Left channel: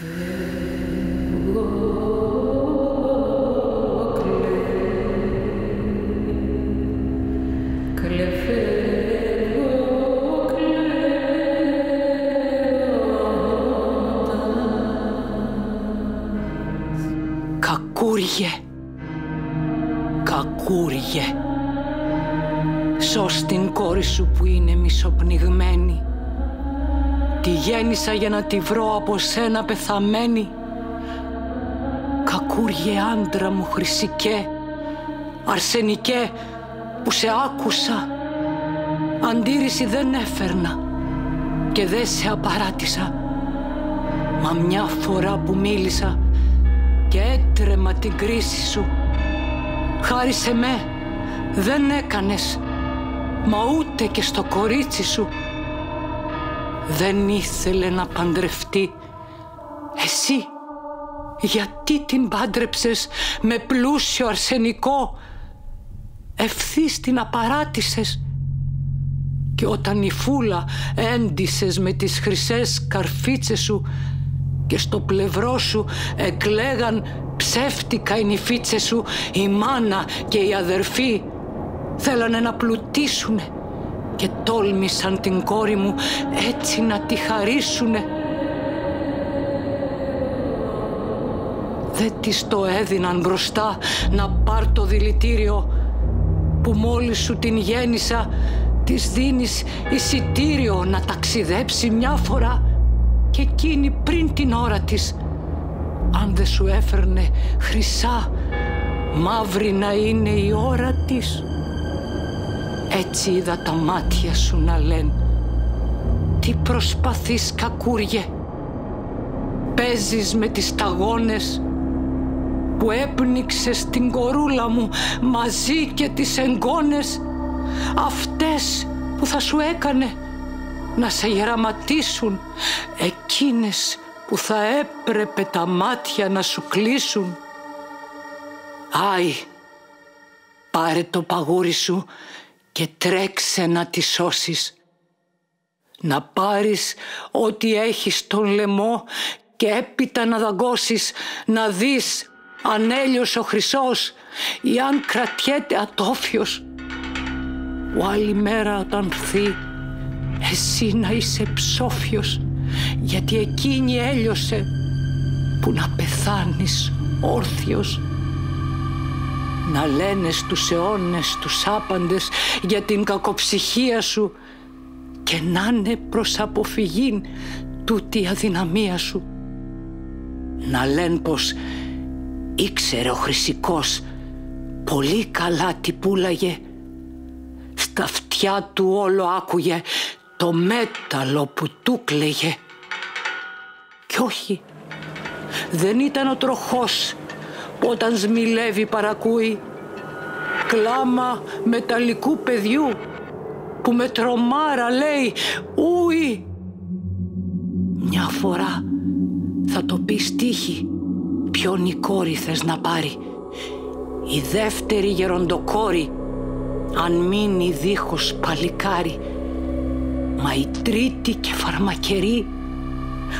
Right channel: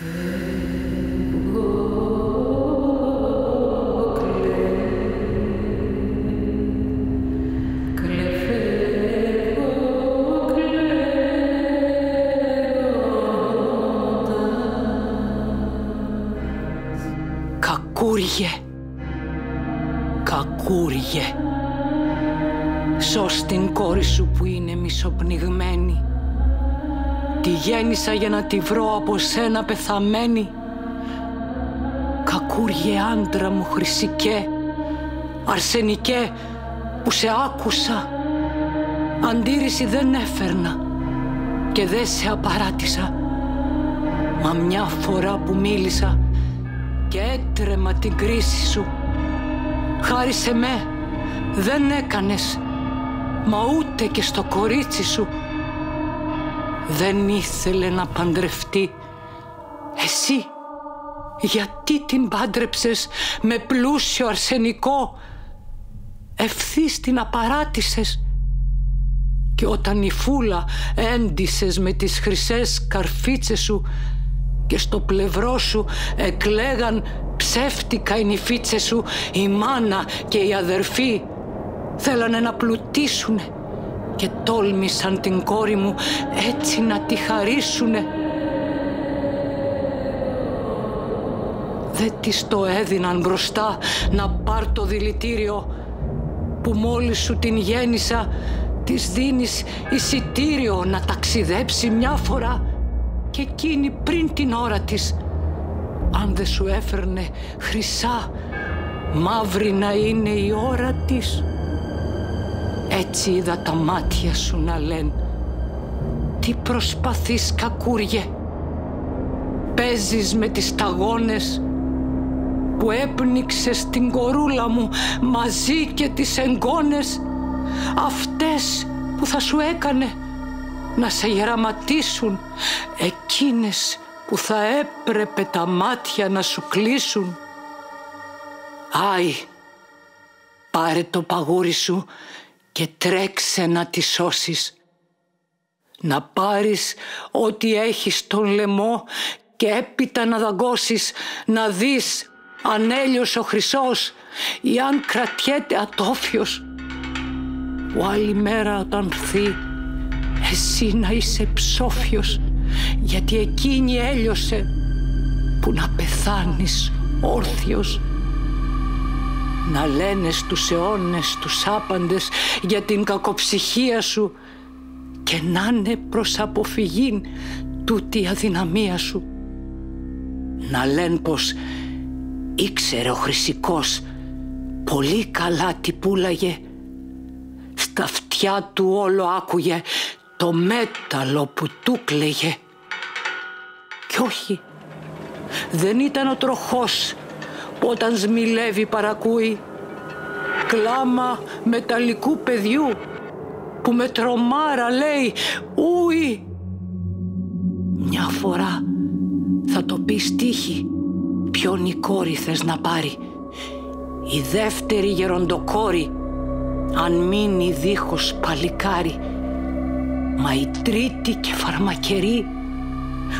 Φεύγω, φεύγω κλαίγοντας. Κακούργε, κακούργε, σώσ' την κόρη σου που είναι μισοπνιγμένη. Τη γέννησα για να τη βρω από σένα πεθαμένη. Κακούργε άντρα μου χρυσικέ, αρσενικέ, που σε άκουσα. Αντίρρηση δεν έφερνα και δεν σε απαράτησα. Μα μια φορά που μίλησα και έτρεμα την κρίση σου, χάρισε με, δεν έκανες, μα ούτε και στο κορίτσι σου. Δεν ήθελε να παντρευτεί. Εσύ γιατί την πάντρεψες με πλούσιο αρσενικό? Ευθύς την απαράτησες. Και όταν η φούλα έντυσες με τις χρυσές καρφίτσες σου και στο πλευρό σου εκλέγαν ψεύτικα οι νηφίτσες σου, η μάνα και οι αδερφοί θέλανε να πλουτίσουνε και τόλμησαν την κόρη μου έτσι να τη χαρίσουνε. Δεν της το έδιναν μπροστά να πάρ' το δηλητήριο που μόλις σου την γέννησα. Της δίνεις εισιτήριο να ταξιδέψει μια φορά και εκείνη πριν την ώρα της, αν δεν σου έφερνε χρυσά, μαύρη να είναι η ώρα της. Έτσι είδα τα μάτια σου να λένε. Τι προσπαθείς κακούργε? Παίζεις με τις σταγόνες που έπνιξες την κορούλα μου μαζί και τις εγγόνες, αυτές που θα σου έκανε να σε γεραματίσουν, εκείνες που θα έπρεπε τα μάτια να σου κλείσουν. Άι, πάρε το παγούρι σου και τρέξε να τη σώσεις. Να πάρεις ό,τι έχεις στον λαιμό και έπειτα να δαγκώσεις, να δεις αν έλειος ο χρυσός ή αν κρατιέται ατόφιος, που άλλη μέρα όταν φθεί εσύ να είσαι ψόφιος, γιατί εκείνη έλειωσε που να πεθάνεις όρθιος. Να λένε στους αιώνες τους άπαντες για την κακοψυχία σου και να είναι προς αποφυγήν τούτη η αδυναμία σου. Να λένε πως ήξερε ο χρυσικός πολύ καλά τι πουλάγε. Στα αυτιά του όλο άκουγε το μέταλλο που του κλαίγε. Κι όχι, δεν ήταν ο τροχός που όταν σμιλεύει παρακούει, κλάμα μεταλλικού παιδιού που με τρομάρα λέει ούι. Μια φορά θα το πει στίχη ποιον η κόρη θες να πάρει, η δεύτερη γεροντοκόρη αν μείνει δίχως παλικάρι, μα η τρίτη και φαρμακερή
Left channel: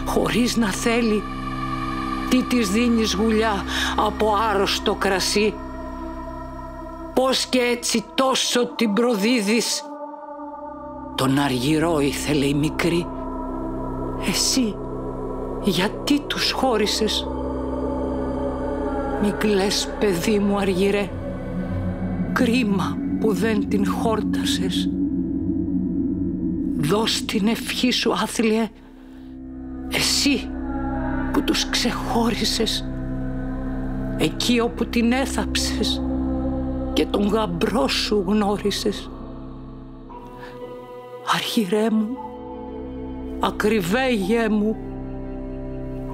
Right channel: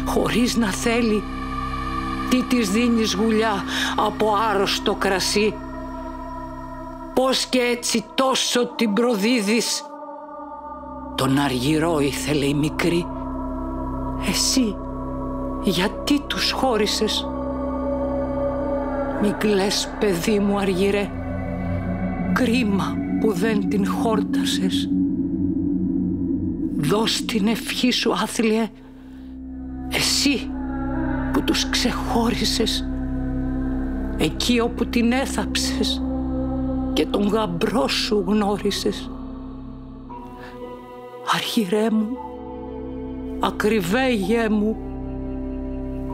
χωρίς να θέλει, τι της δίνεις γουλιά από άρρωστο κρασί? Πώς και έτσι τόσο την προδίδεις? Τον αργυρό ήθελε η μικρή. Εσύ γιατί τους χώρισες? Μην κλαις παιδί μου αργυρέ, κρίμα που δεν την χόρτασες. Δώσ' την ευχή σου άθλιε, εσύ που τους ξεχώρισες, εκεί όπου την έθαψες και τον γαμπρό σου γνώρισες. Αργυρέ μου, ακριβέ μου,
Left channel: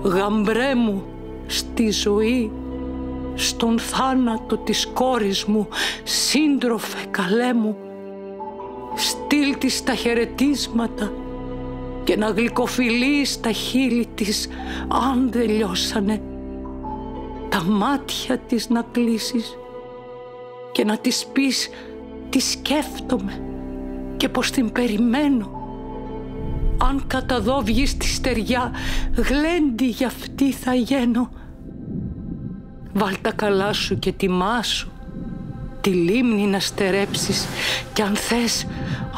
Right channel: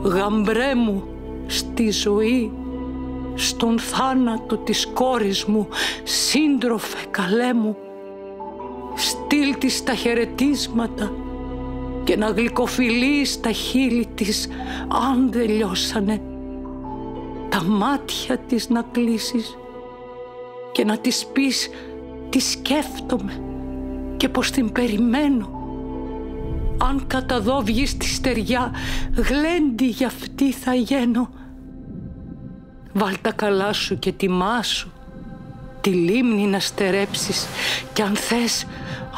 γαμπρέ μου στη ζωή, στον θάνατο της κόρης μου, σύντροφε καλέ μου, στείλ της τα χαιρετίσματα και να γλυκοφιλείς τα χείλη της αν δεν λιώσανε, τα μάτια της να κλείσεις και να της πεις τι σκέφτομαι και πως την περιμένω. αν κατά δω βγεις τη στεριά, γλέντι για αυτή θα γίνω. Βάλ τα καλά σου και τιμάσου, τη λίμνη να στερέψεις, κι αν θες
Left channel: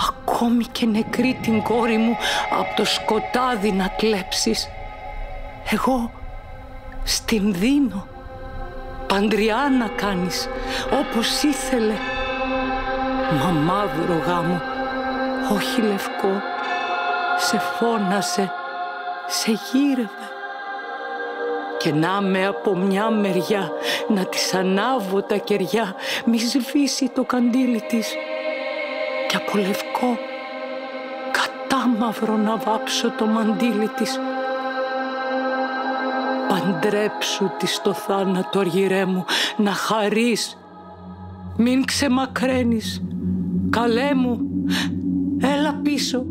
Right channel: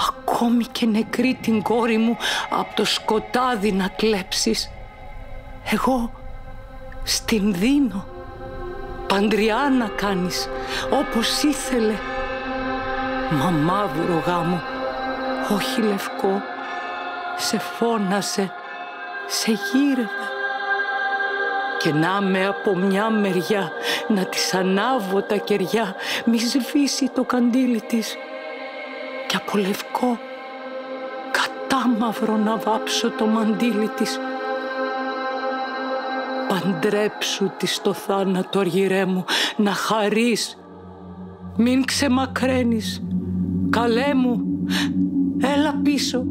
ακόμη και νεκρή την κόρη μου απ' το σκοτάδι να κλέψεις. Εγώ στην δίνω, παντριά να κάνεις όπως ήθελε. Μα μαύρο γάμο, όχι λευκό, σε φώνασε, σε γύρευε. Και να με από μια μεριά να της ανάβω τα κεριά, μη σβήσει το καντήλι της, και από λευκό κατάμαυρο να βάψω το μαντίλι της. Παντρέψου της στο θάνατο, αργυρέ μου, να χαρείς, μην ξεμακραίνεις, καλέ μου, έλα πίσω,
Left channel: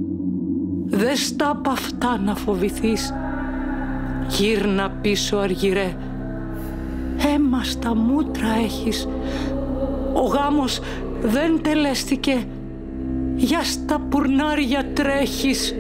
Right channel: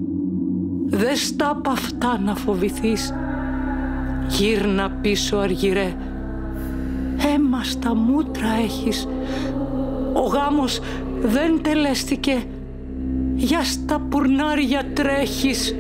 δες τα απ' αυτά να φοβηθείς. Γύρνα πίσω, αργυρέ, αίμα στα μούτρα έχεις, ο γάμος δεν τελέστηκε, για στα πουρνάρια τρέχεις.